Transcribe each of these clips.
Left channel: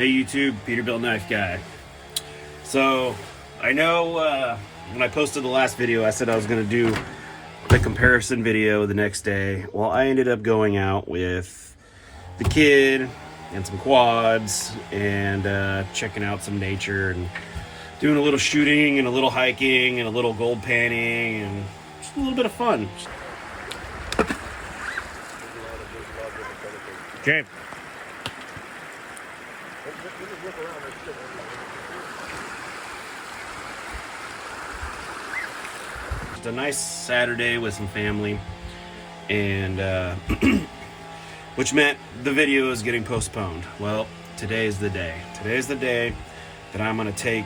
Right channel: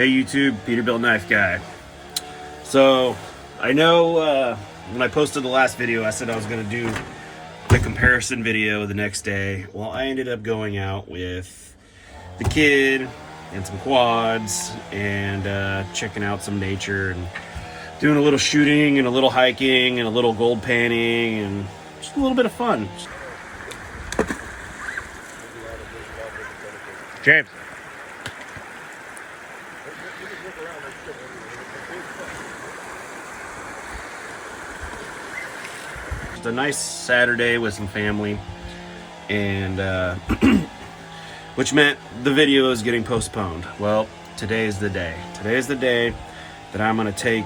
Hey YouTube, Peterbilt Knife Guy. So, I know when I posted the last video, I said I was going to do the comparison video the next day. Well, I ended up going out with the kid and some quads and checking out some nature and doing a little shooting and a little hiking and a little gold panning and just a little bit of fun. James. Just a nice Saturday with some family, and which meant the video is getting postponed. Well, today is the day. Today is the day that I'm gonna take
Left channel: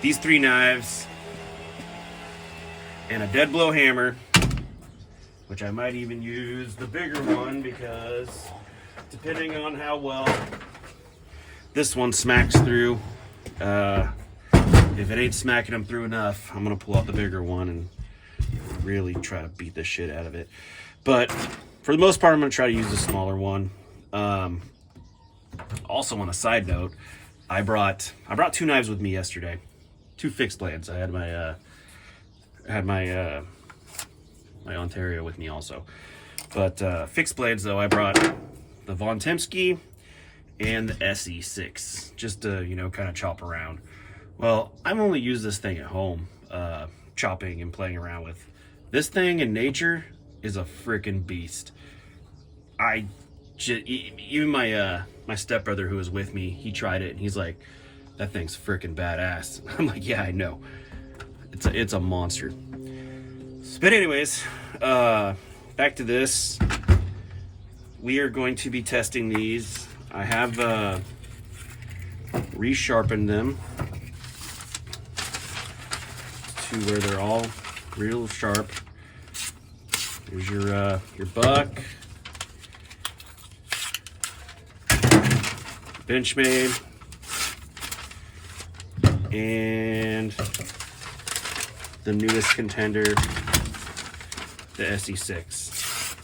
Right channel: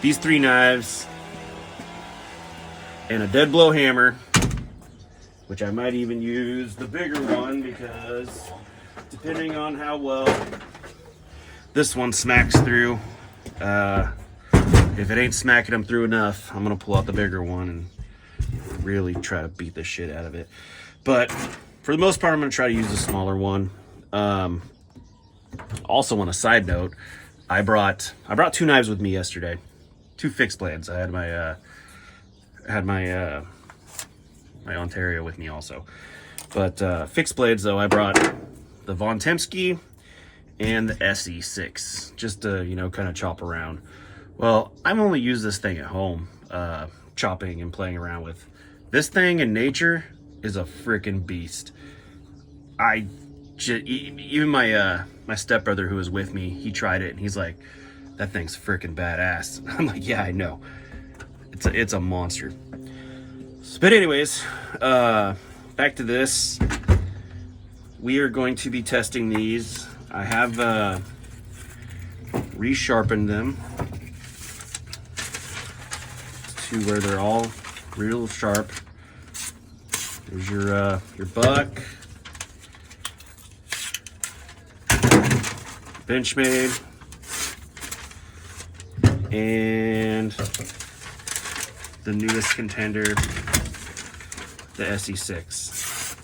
these 3 knives and a dead blow hammer, which I might even use the bigger one because depending on how well this one smacks through, if it ain't smacking them through enough, I'm gonna pull out the bigger one and really try to beat the shit out of it. But for the most part, I'm gonna try to use the smaller one. Also, on a side note, I brought 2 knives with me yesterday, 2 fixed blades. I had my Ontario with me also, but fixed blades though, I brought the Von Temsky and the ESEE 6 just to, you know, kind of chop around. Well, I've only used this thing at home, chopping and playing around with. This thing in nature is a freaking beast. Even my stepbrother who was with me, he tried it and he's like, that thing's freaking badass. I'm like, yeah, I know. It's a monster. But anyways, back to this. We are going to be testing these. I have resharpened them to where they're all real sharp. There's your buck, benchmade, and the newest contender, the ESEE 6.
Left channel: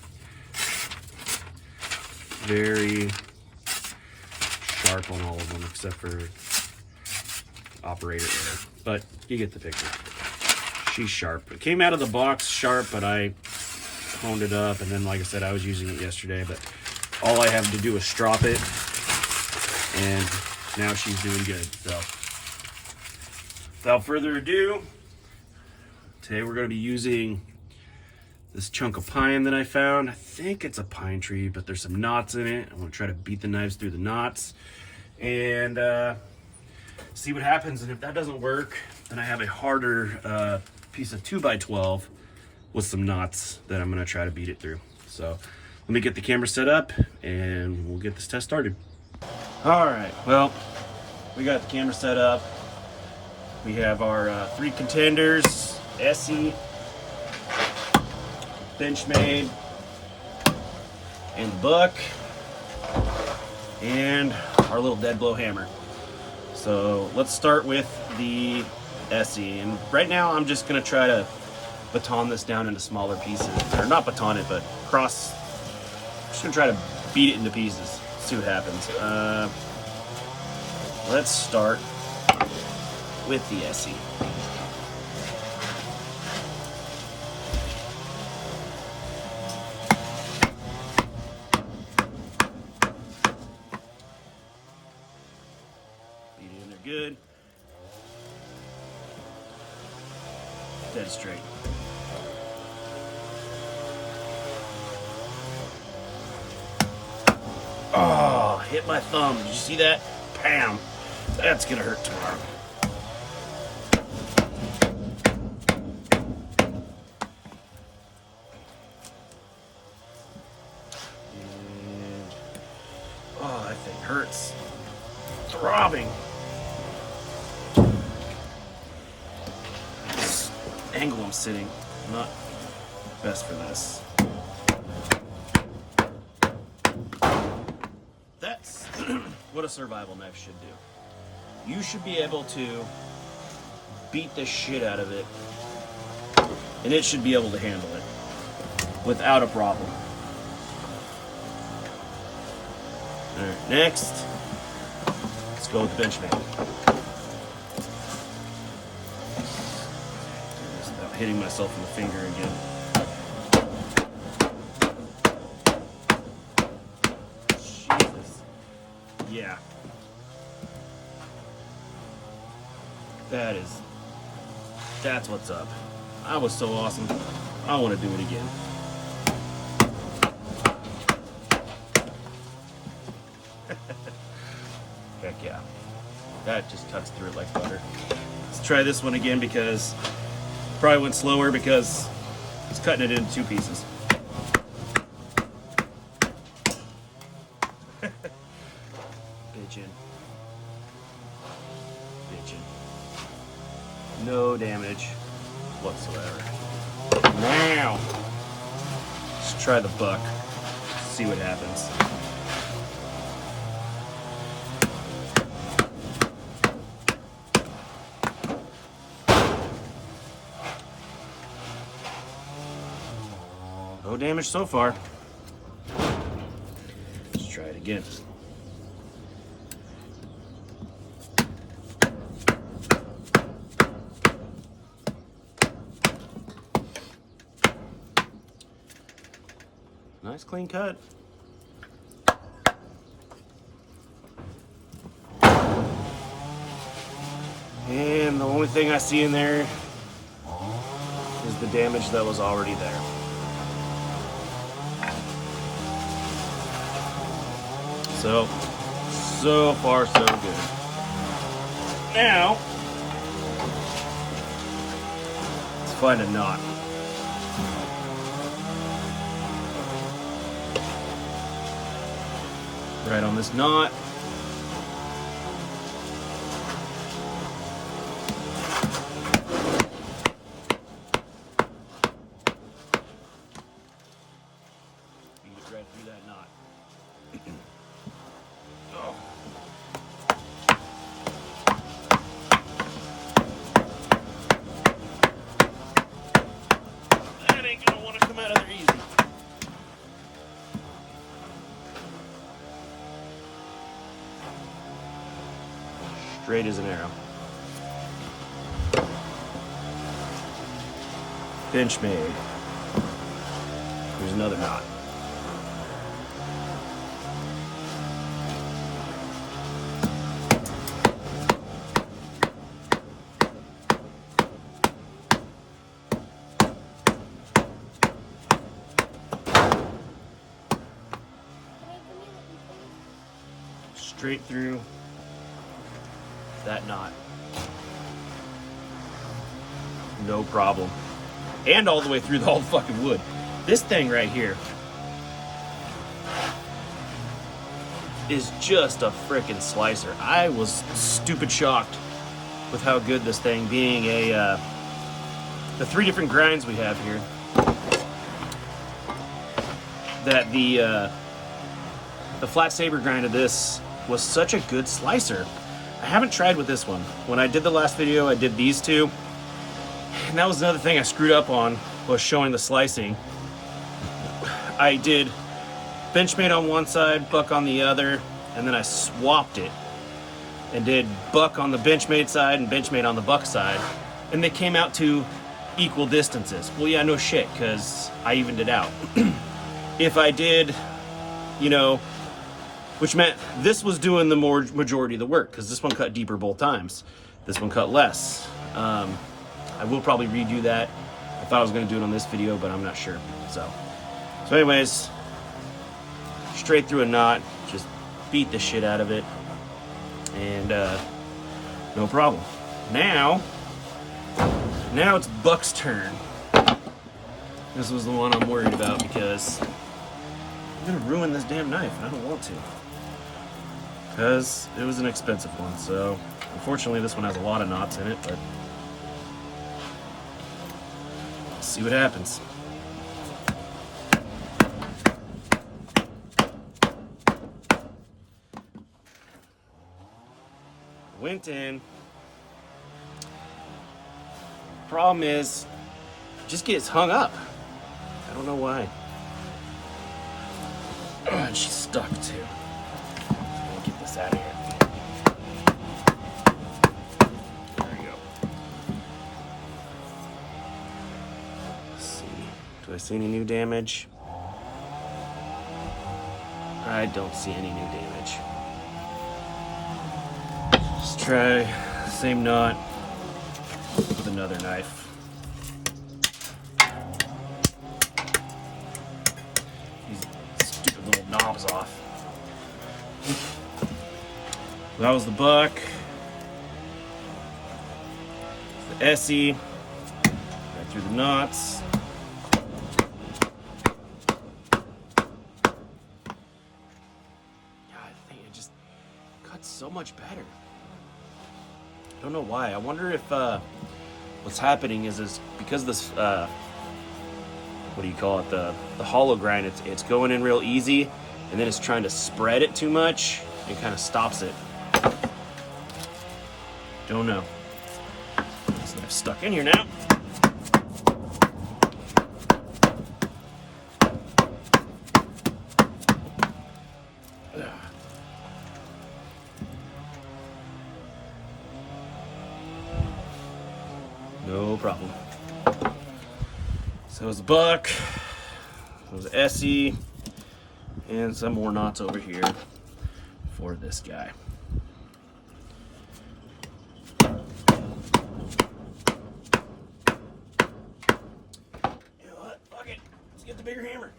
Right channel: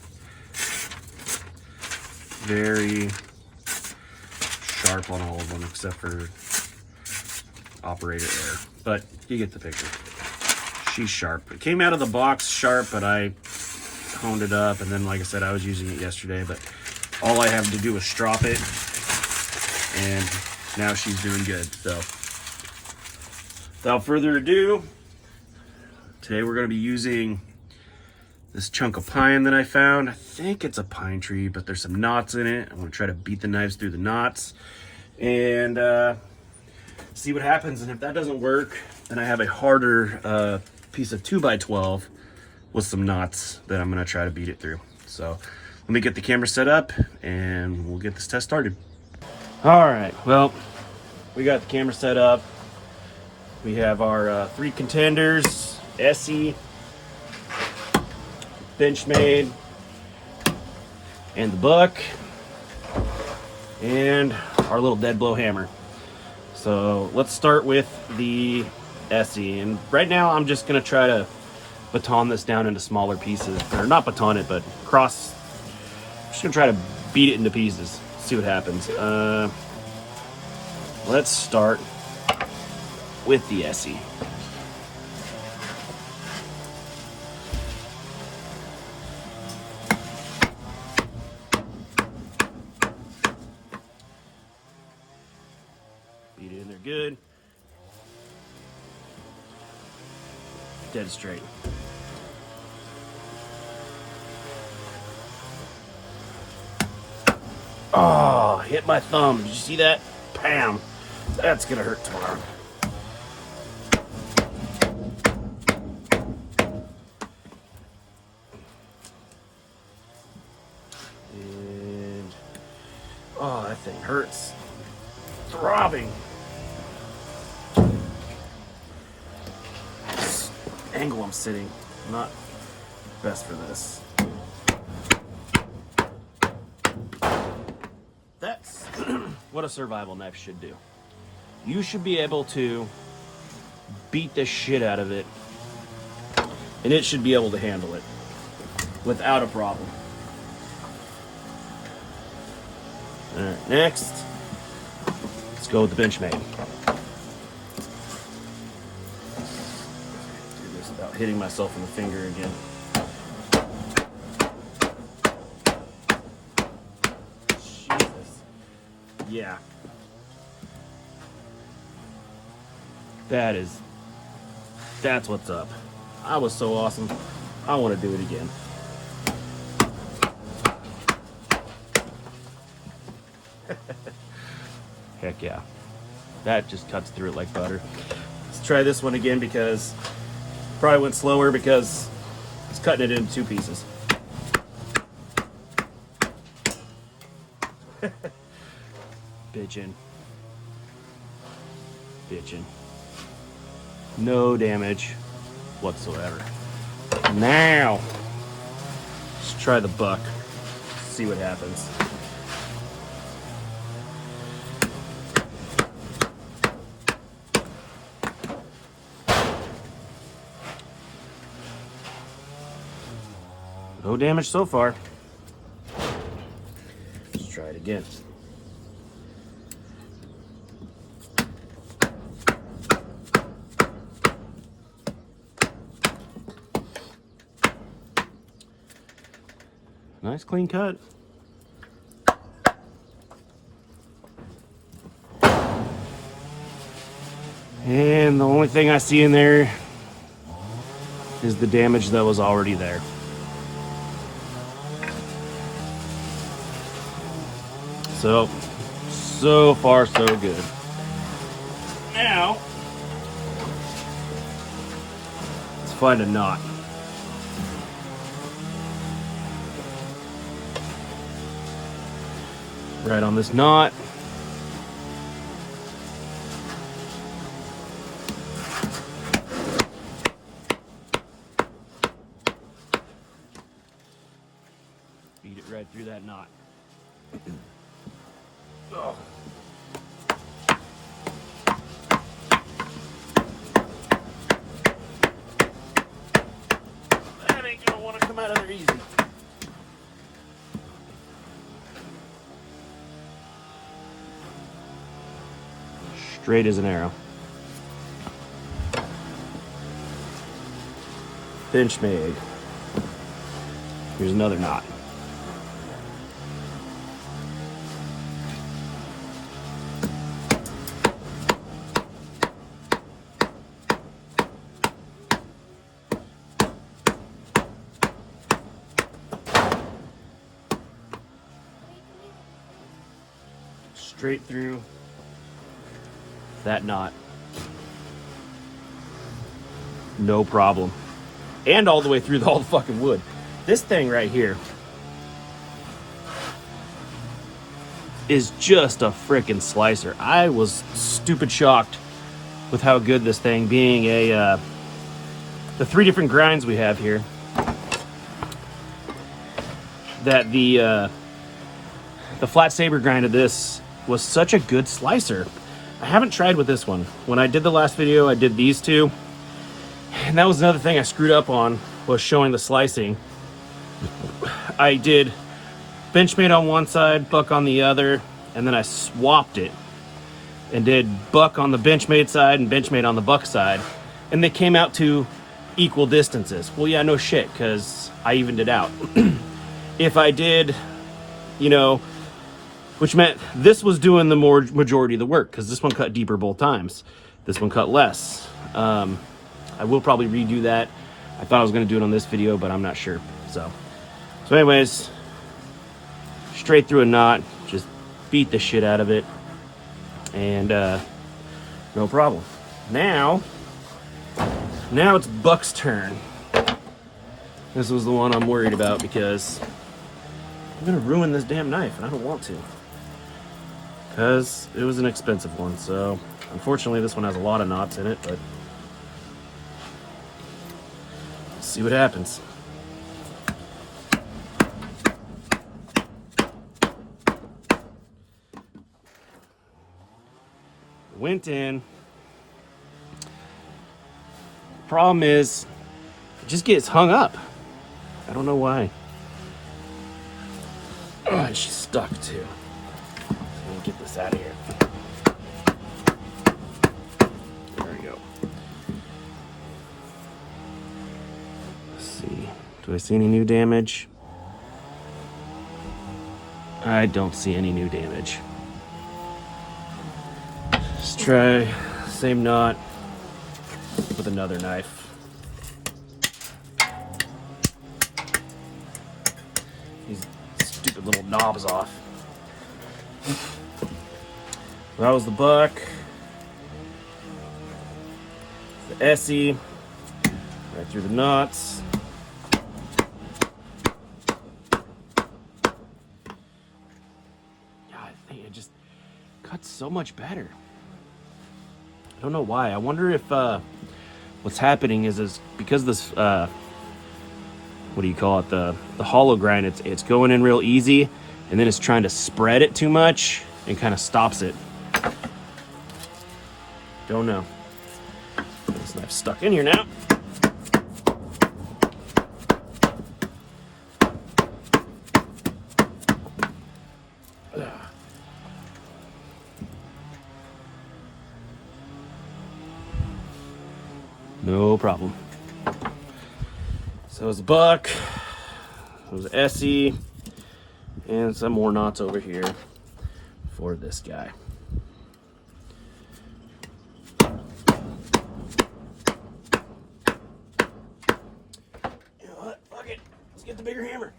Very sharp on all of them except for operator error, but you get the picture. She's sharp. It came out of the box sharp, but I honed it up, and then like I said, I was using it yesterday, but all I have to do is strop it, and now she's doing good. So without further ado, today we're going to be using this chunk of pine that I found. I think it's a pine tree, but there's some knots in it. I want to try to beat the knives through the knots and see what happens. And if that doesn't work, then I have a harder piece of 2x12 with some knots that I'm going to try to beat it through. So let me get the camera set up and we'll get this test started. All right, well, we got the camera set up. We have our 3 contenders, ESEE, benchmade, and the buck, and our little dead blow hammer. So let's start with the ESEE, and right now I'm just gonna try to baton this down into smaller pieces, or not baton it, but I'm just gonna try to beat it into pieces, see what happens. Let's start with the ESEE. Beat it in there good. Dead straight. Oh, hit my thumb. Did you see that? Bam. That's gonna hurt tomorrow. And oh, that thing hurts. Throbbing. This angle I'm sitting, not best for this. That's what a survival knife should do. You should be able to beat the shit out of it, and it should be able to handle it without a problem. All right, next, let's go with the benchmade. Just about hitting myself in the finger again. Jesus. Yeah. That's what's up. I was so awesome. I want to do it again. Heck yeah. That just cuts through it like butter. Let's try this one again because probably went slower because it's cutting it into 2 pieces. Bitchin'. No damage whatsoever. Now, let's try the buck. See what happens. No damage so far. Let's try it again. Nice clean cut. And the only thing I see in there is the damage that was already there. So far so good. Now, let's find a knot. Right on this knot. Beat it right through that knot. Oh. That ain't gonna want to come out of there easy. Straight as an arrow. Benchmade. Here's another knot. Straight through that knot. No problem. And all the way through the whole fucking wood. This thing right here is just a freaking slicer. I was stupid shocked with how good this thing, being the 3 different grinds we have here, that the flat saber grind of this was such a good slicer. I haven't tried with this one. When I did the last video, I did these 2. And that was another thing I screwed up on, was showing the slicing. I did benchmade on one side, buck on the other, and then I swapped it and did buck on the benchmade side and benchmade on the buck side. And they came out to equal distances. Well, yeah, no shit, because I evened it out. If I did, you know, which meant this was doing the majority of the work, because this one cut deeper both times. This one cut less. I will probably redo that. I thought I was going to do it on this video, but I'm not sure. So anyways, straight through a knot, just beat the shit out of it, and no problem. Now it's Buck's turn. This was the one I'm worried about, because I'm going to ruin this damn knife, and I don't want to, because it was an expensive one. So unfortunately this one has a lot of knots in it, but let's see what happens. Went in. Problem is, it just gets hung up. I don't know why. Oh, it's just stuck too. out of here. There we go. Let's see. Do I see any new damage? I don't see any new damage. Let's try the same knot with another knife. These stupid little knobs off. That was the buck. The ESEE. Right through the knots. God, I think it just cuts so much better. I don't know why. I wonder if what's happening is because this what do you call it, the hollow grind, it's going in real easy, and then it's trying to spread it too much and kind of stops it. Don't know. This knife's stuck in here now. No problem. So it was a buck, it was an ESEE, and some more knots over here for this guy. You know what? Fuck it. Let's get the bigger hammer.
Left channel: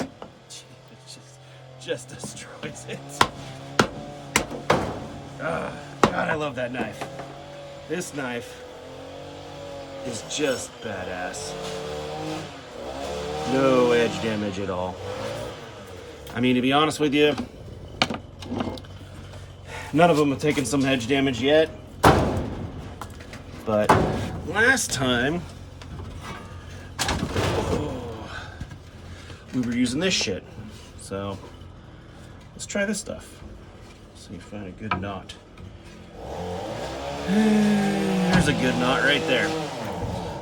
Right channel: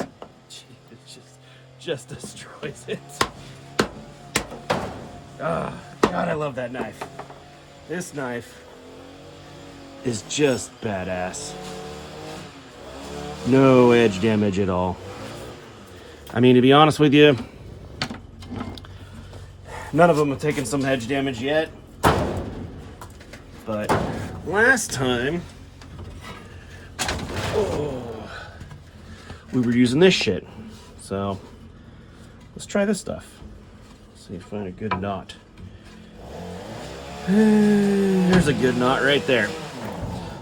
It just destroys it. Ah, God, I love that knife. This knife is just badass. No edge damage at all. I mean, to be honest with you, none of them have taken some edge damage yet. But last time, we were using this shit. So let's try this stuff. See if we find a good knot. There's a good knot right there.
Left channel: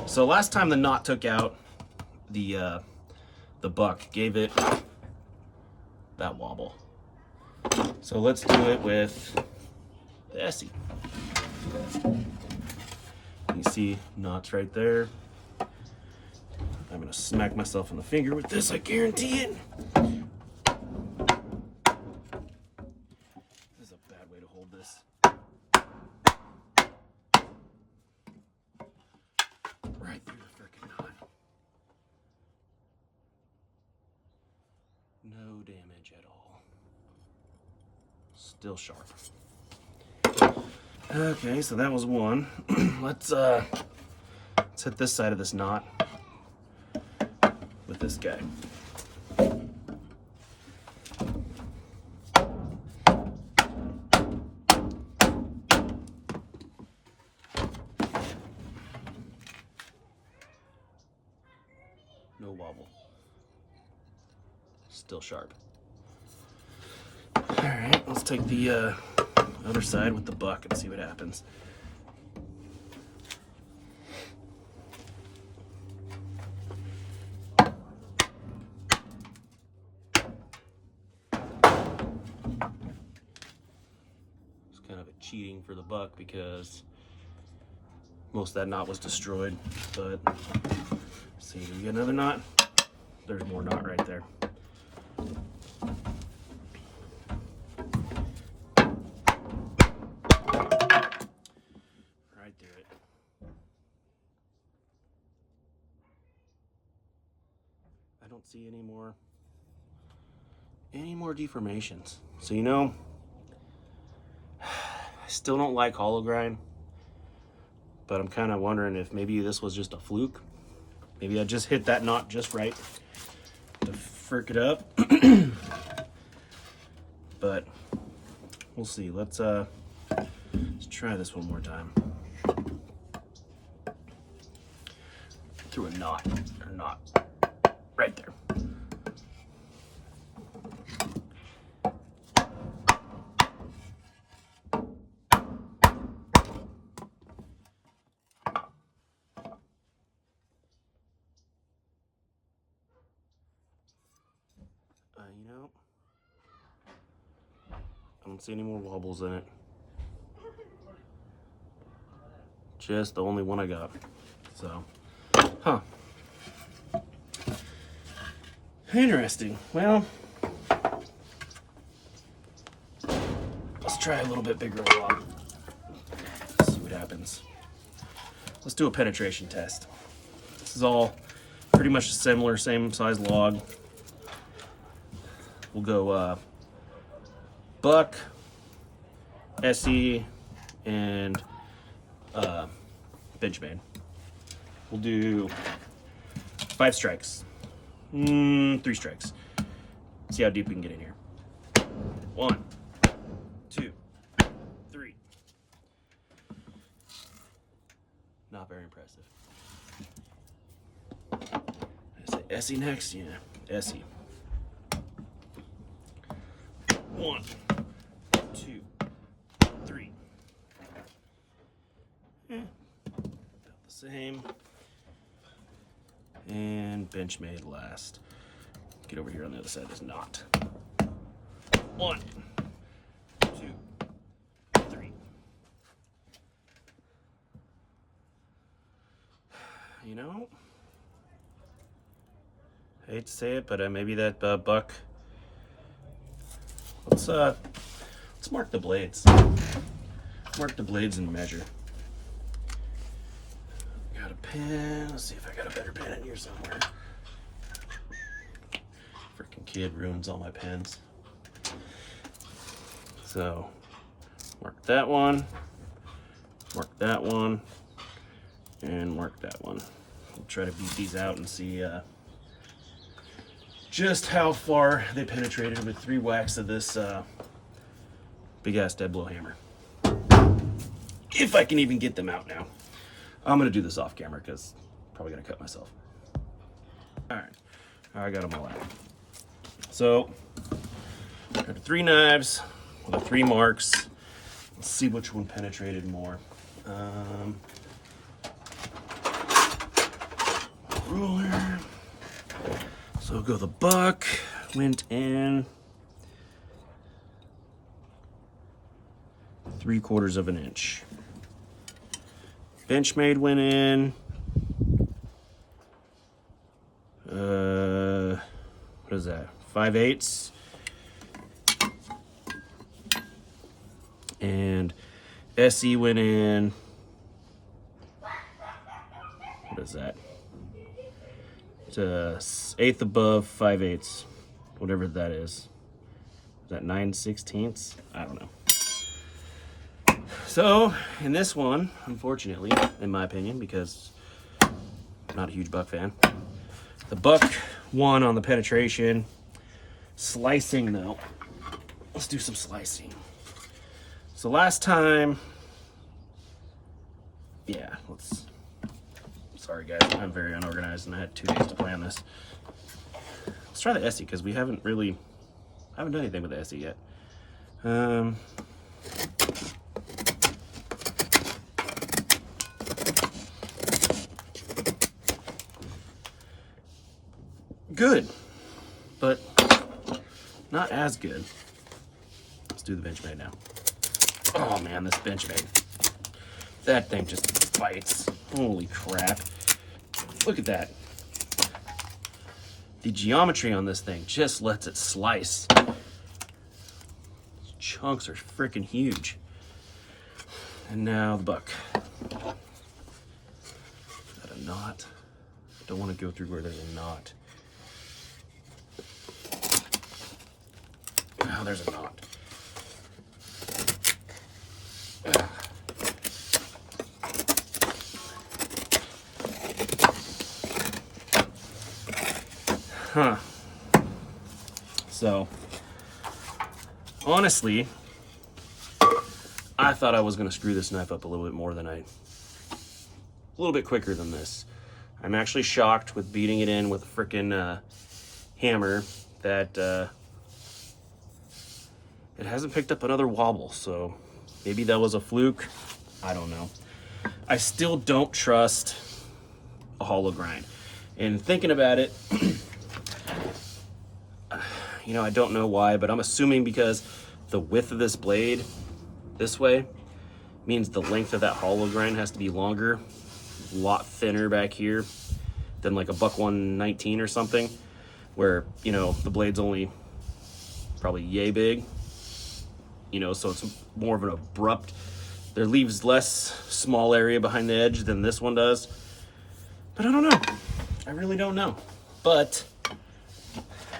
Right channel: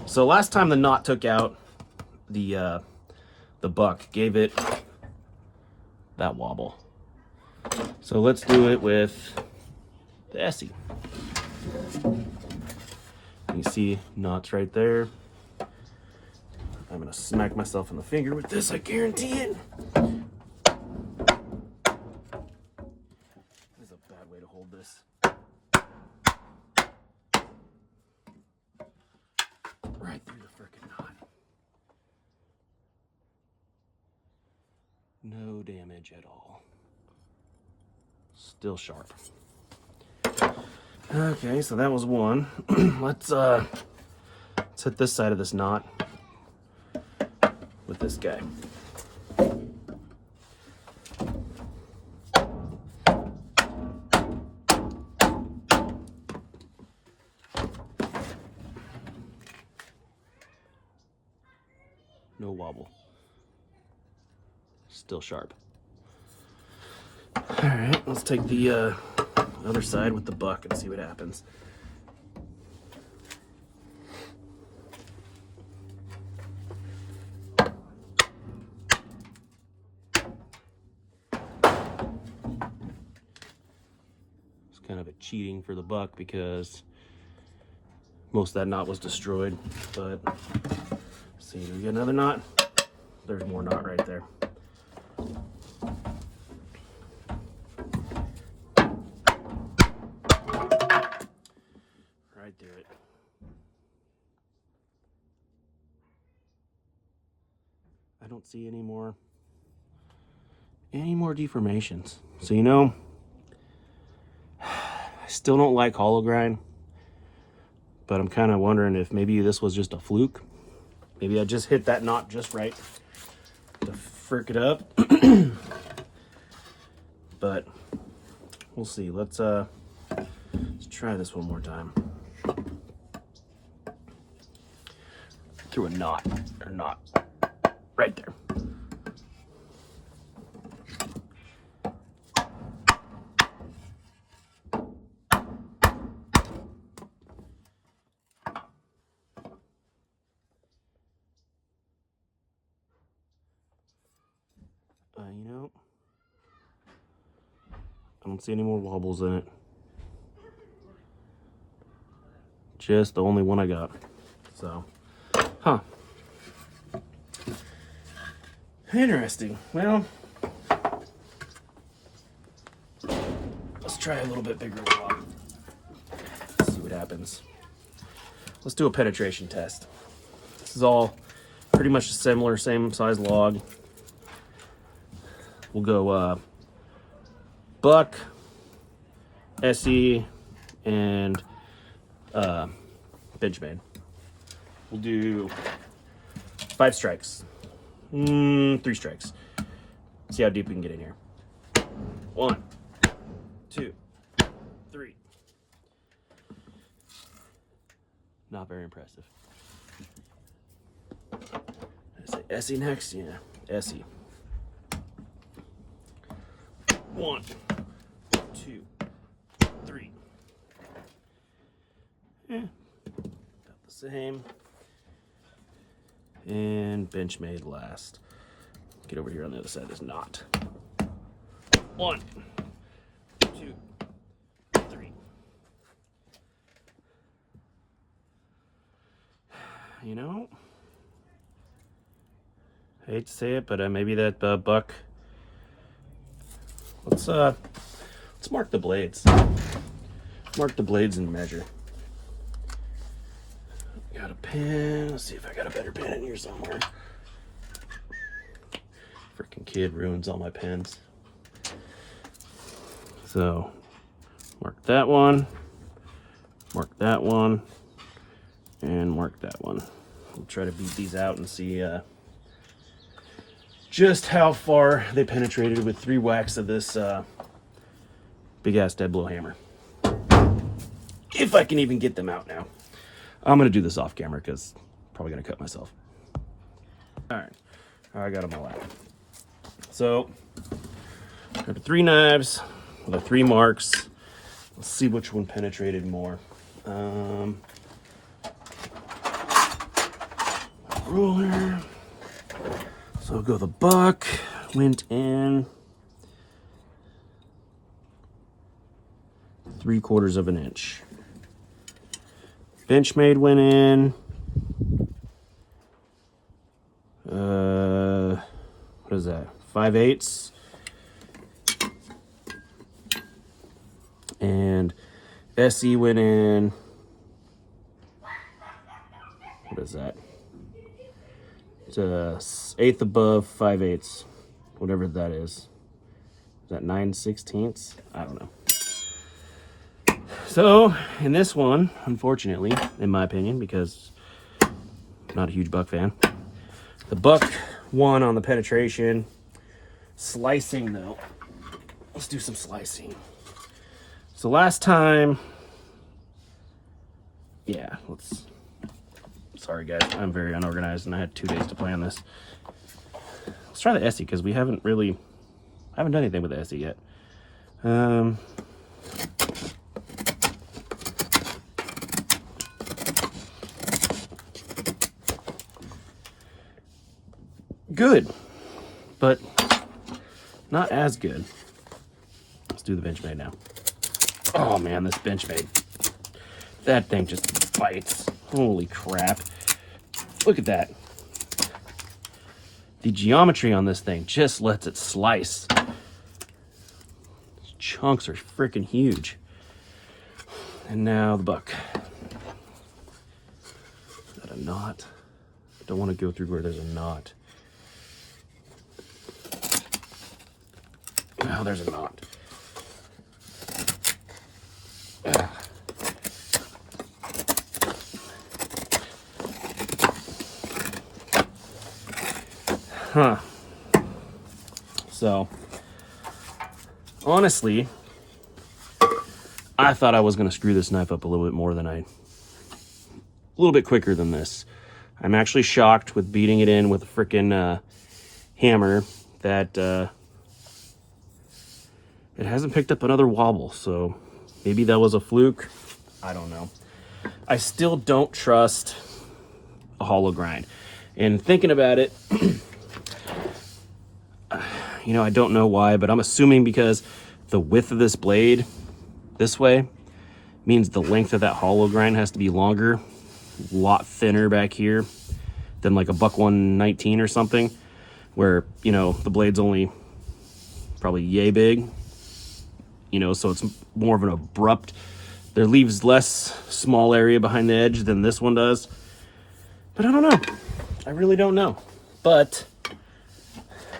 So last time the knot took out the buck, gave it that wobble. So let's do it with the ESEE. You see knots right there. I'm gonna smack myself in the finger with this, I guarantee it. This is a bad way to hold this. Right through the frickin' knot. No damage at all. Still sharp. Okay, so that was one. Let's hit this side of this knot with this guy. No wobble. Still sharp. All right, let's take the other side with the buck and see what happens. It's kind of a cheating for the buck because most of that knot was destroyed, but see, we get another knot. There's more knot right there. Right through it. I don't see any more deformations. So, you know, I still don't like hollow grind, but I'm kind of wondering if maybe this was just a fluke. Maybe I just hit that knot just right to frick it up. But we'll see. Let's try this one more time. Through a knot, or knot, right there. You know, don't see any more wobbles in it. Just the only one I got. So, huh. Interesting. Well, let's try a little bit bigger log. See what happens. Let's do a penetration test. This is all pretty much similar, same size log. We'll go buck, ESEE, and benchmade. We'll do 5 strikes. 3 strikes. See how deep we can get in here. 1, 2, 3. Not very impressive. I say ESEE next? Yeah, ESEE. 1, 2, 3. About the same. And benchmade last. Get over here on the other side. Is not. 1, 2, 3. You know, I hate to say it, but maybe that buck. Let's mark the blades. Mark the blades and measure. Got a pen. Let's see if I got a better pen in here somewhere. Freaking kid ruins all my pens. So, mark that one, and mark that one. We'll try to beat these out and see just how far they penetrated with 3 whacks of this big ass dead blow hammer. If I can even get them out now. I'm gonna do this off camera because I'm probably gonna cut myself. All right, I got them all out. So, got the 3 knives, the 3 marks. Let's see which one penetrated more. Ruler. So I'll go the buck, went in 3/4 of an inch. Benchmade went in, what is that, 5/8. And ESEE went in, what is that? It's a 1/8 above 5/8, whatever that is. Is that 9/16? I don't know. So, in this one, unfortunately, in my opinion, because I'm not a huge buck fan, the buck won on the penetration. Slicing, though. Let's do some slicing. So last time, yeah, sorry guys, I'm very unorganized and I had 2 days to plan this. Let's try the ESEE because I haven't done anything with the ESEE yet. Good, but not as good. Let's do the benchmade now. Oh man, this benchmade. That thing just bites. Holy crap. Look at that. The geometry on this thing just lets it slice. These chunks are freaking huge. And now the buck. Got a knot. I don't want to go through where there's a knot. Oh, there's a knot. Huh. So, honestly, I thought I was going to screw this knife up a little bit more than a little bit quicker than this. I'm actually shocked with beating it in with a freaking hammer that it hasn't picked up another wobble. So maybe that was a fluke. I don't know. I still don't trust a hollow grind. And thinking about it, you know, I don't know why, but I'm assuming because the width of this blade this way means the length of that hollow grind has to be longer, a lot thinner back here than like a buck 119 or something, where, you know, the blade's only probably yay big, you know, so it's more of an abrupt, there leaves less small area behind the edge than this one does. But I don't know. I really don't know. But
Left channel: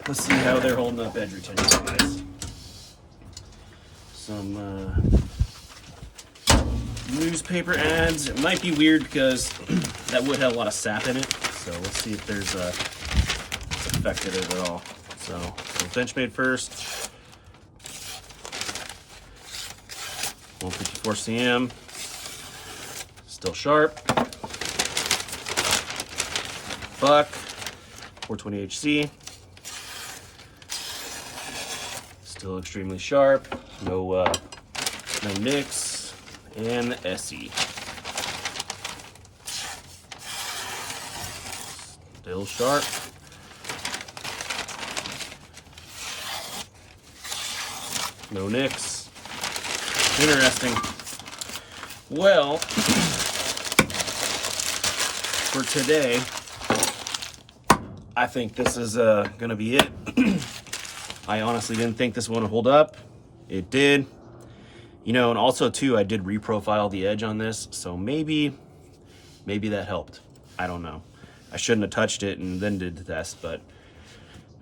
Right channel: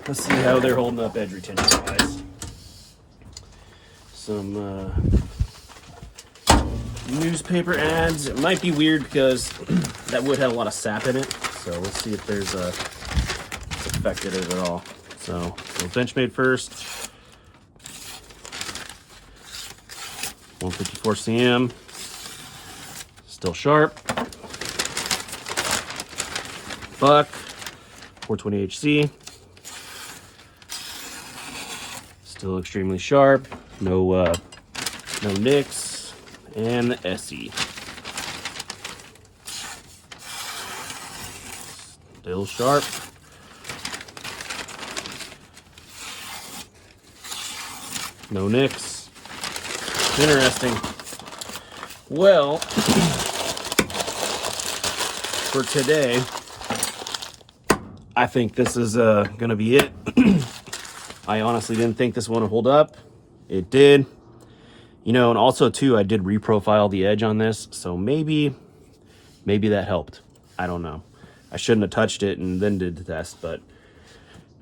let's see how they're holding up edge retention wise. Some newspaper ads. It might be weird because that wood had a lot of sap in it. So let's see if there's a affected overall. So benchmade first. 154 cm. Still sharp. Buck. 420 HC. Still extremely sharp. No nicks. And the ESEE. Still sharp. No nicks. Interesting. Well, for today, I think this is gonna be it. I honestly didn't think this one would hold up. It did. You know, and also too, I did reprofile the edge on this, so maybe that helped. I don't know. I shouldn't have touched it and then did the test, but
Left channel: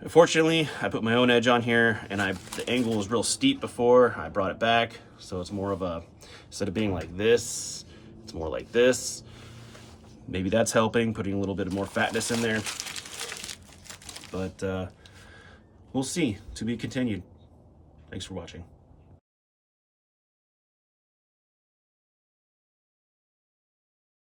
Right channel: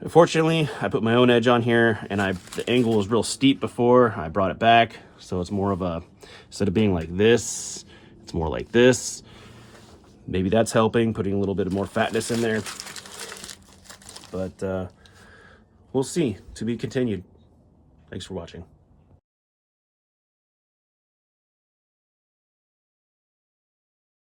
unfortunately, I put my own edge on here, and the angle was real steep before. I brought it back, so it's more of a, instead of being like this, it's more like this. Maybe that's helping, putting a little bit of more fatness in there. But we'll see. To be continued. Thanks for watching.